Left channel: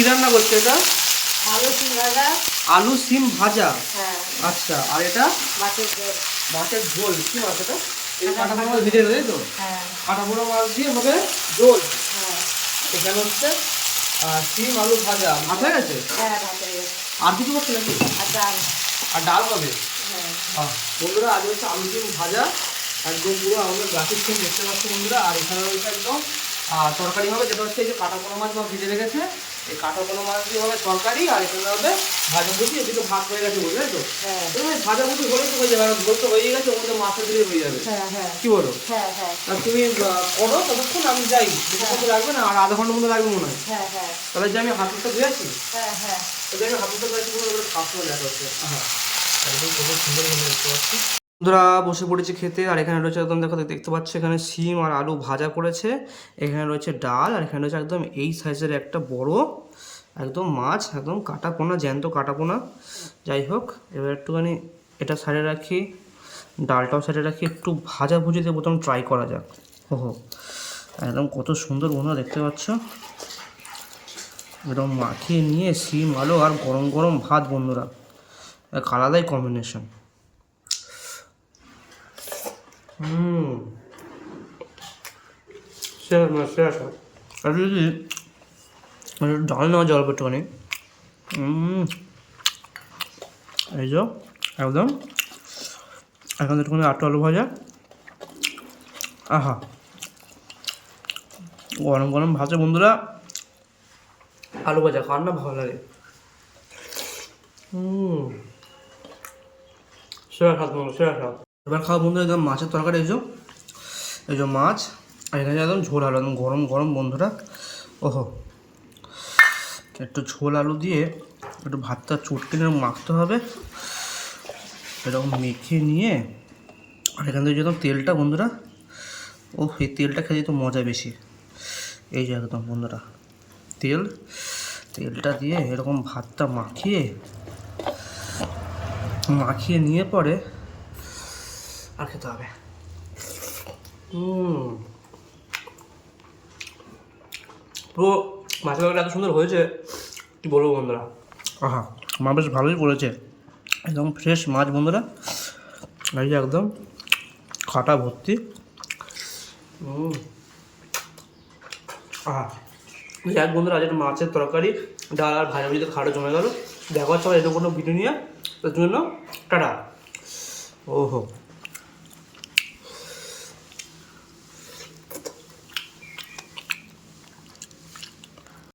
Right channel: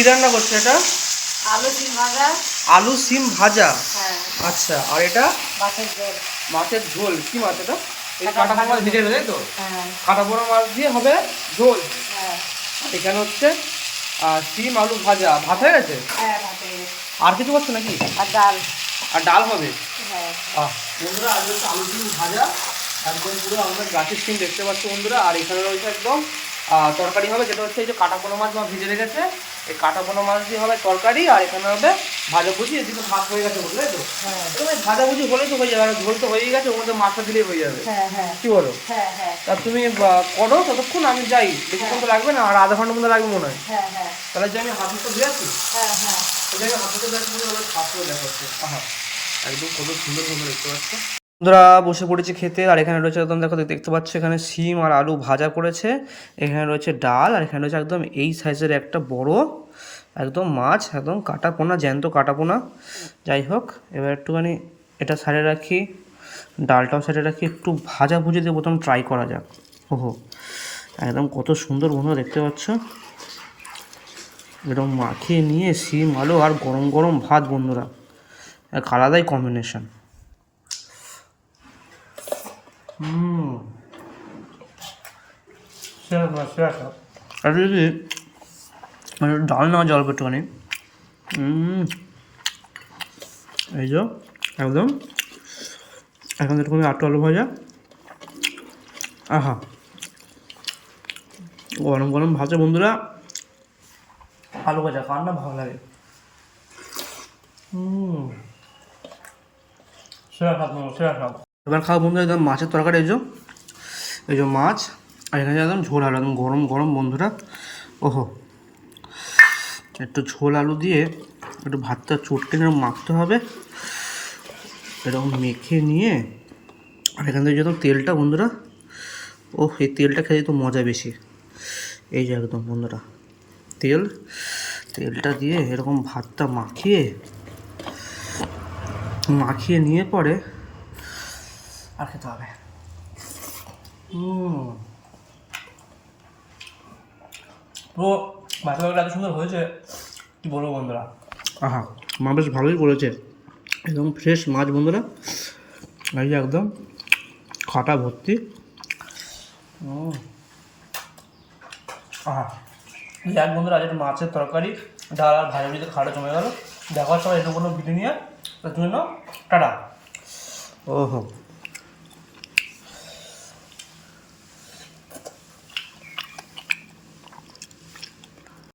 কি রান্না করছো এটা? আলু সিম ভাজা। আলু সিম ভাজা। হ্যাঁ। আচ্ছা, আর এটা? মাছের ঝোল। মাছের ঝোল। কি মাছ এটা? এই কাটা পোনা মাছ ভিজে তাই তো? হ্যাঁ। কাটা পোনা মাছ দিয়ে হবে ঝোল। হ্যাঁ। এখানে হচ্ছে সিম আলু ভাজা। ভাত হয়ে গেছে? হ্যাঁ, ভাত হয়ে গেছে। আর কিছু করছো নাকি? আর ডাল। আর ডাল হবে? হ্যাঁ। বন্ধুরা আজ হচ্ছে আলু সিম ভাজা, একদম পুরো আমাদের গাছের সিম দেখতে পাচ্ছি বন্ধুরা। আর এখানে রয়েছে একদম তরকারি হবে, যেটা হচ্ছে এই যে কাটা পোনা মাছ ভিজে রেখেছে, এই কাটা পোনা মাছ দিয়ে হবে তরকারি। আর এখানে হবে ভাজাভুজি। এদিকে ভাত হয়ে গেছে বলতে, তাই তো? হ্যাঁ। তুমি ভাজাভুজি হলে তো হয়ে যাবে, ঝোল তো হয়েই গেছে, ওর মধ্যে মাছটা দিলেই হয়ে যাবে। হ্যাঁ। হ্যাঁ। কি বলো? হ্যাঁ। হ্যাঁ। তা তুমি করো, ততক্ষণ আমি যাই। বেশিক্ষণ তো লাগবে না, আর আধা ঘন্টার মধ্যে লাগবে মনে হয়। হ্যাঁ। হ্যাঁ। তাহলে যে আমি হাত মুখটা ধুয়েছি, হ্যাঁ। হ্যাঁ। তাহলে আমি হাত মুখটা ধুয়েছি বলে এবার খাওয়া দেখা হচ্ছে। হ্যাঁ, একদম কত সুন্দর সুন্দর দেখতে পাচ্ছি। বন্ধুরা বসে পড়েছি খেতে। আর এখানে রয়েছে একদম, দেখো দেখতে পাচ্ছ, এখানে সিম আর আলু ভাজা করেছে, এখানে রয়েছে ডাল, আর এখানে রয়েছে একদম এই সাইজের একটা বড় একদম মাছ, একদম কাটা পোনা, জ্যান্ত কাটা পোনা। যাই হোক, এবার একটুখানি এটা সাইডে রাখি, ডালটাও সাইডে রাখি, একটু ভাজা ভুজি দিয়ে প্রথম ট্রাই করা যাক। ওহো, একদম কত সুন্দর বন্ধুরা দেখতে পাচ্ছ, এরকম মাখিয়ে নিয়ে সিম আলু আর গরম গরম ভাত বন্ধুরা, এক আলাদাই কম্বিনেশন। আর যদি ডাল নেওয়া জল একটুখানি, এই যে একদম এখন একটুখানি আলু ভাজা, আহা, গরম গরম ভাজা বন্ধুরা, আলু ভাজা কার না ভালো লাগে। সেরা স্বাদ বন্ধু, সেরা স্বাদ। এবার খাও বন্ধুরা একদম মাছের তরকারি, এই যে মাছ, আর এখানে একদম ঝোল আলু, একদম গরম গরম বন্ধুরা। ওহো, একটু ঝোল আলু দিয়ে একটু ভাতটা চটকে নিয়ে মাখতে হবে, এরকম মেখে নিয়ে। আর এখান থেকে যখন তেলটা বন্ধুরা, ও এই তেলটা খেতে তো মজা বেশি। এই যে একদম বন্ধুরা তেলটা দিয়ে এরকম ভাতটা মাখিয়ে নিয়ে পরে আর খেতে হবে। তো মাছের তরকারিটা এত সুন্দর হয়েছে, কি বলবো বন্ধুরা। আহা, মা বেশ ভালোই বলেছে, একদম ফ্রেশ মাছ বন্ধুরা, এই যে একদম কাটা ভর্তি। আহা, যাক বন্ধুরা, আজ একটা মাছের তরকারি, ডাল আর ভাজাভুজিতে খাওয়াটা জমে গেল। দেখা হচ্ছে এরকম কোনো ভিডিও নিয়ে, তার জন্য টাটা। ওহো।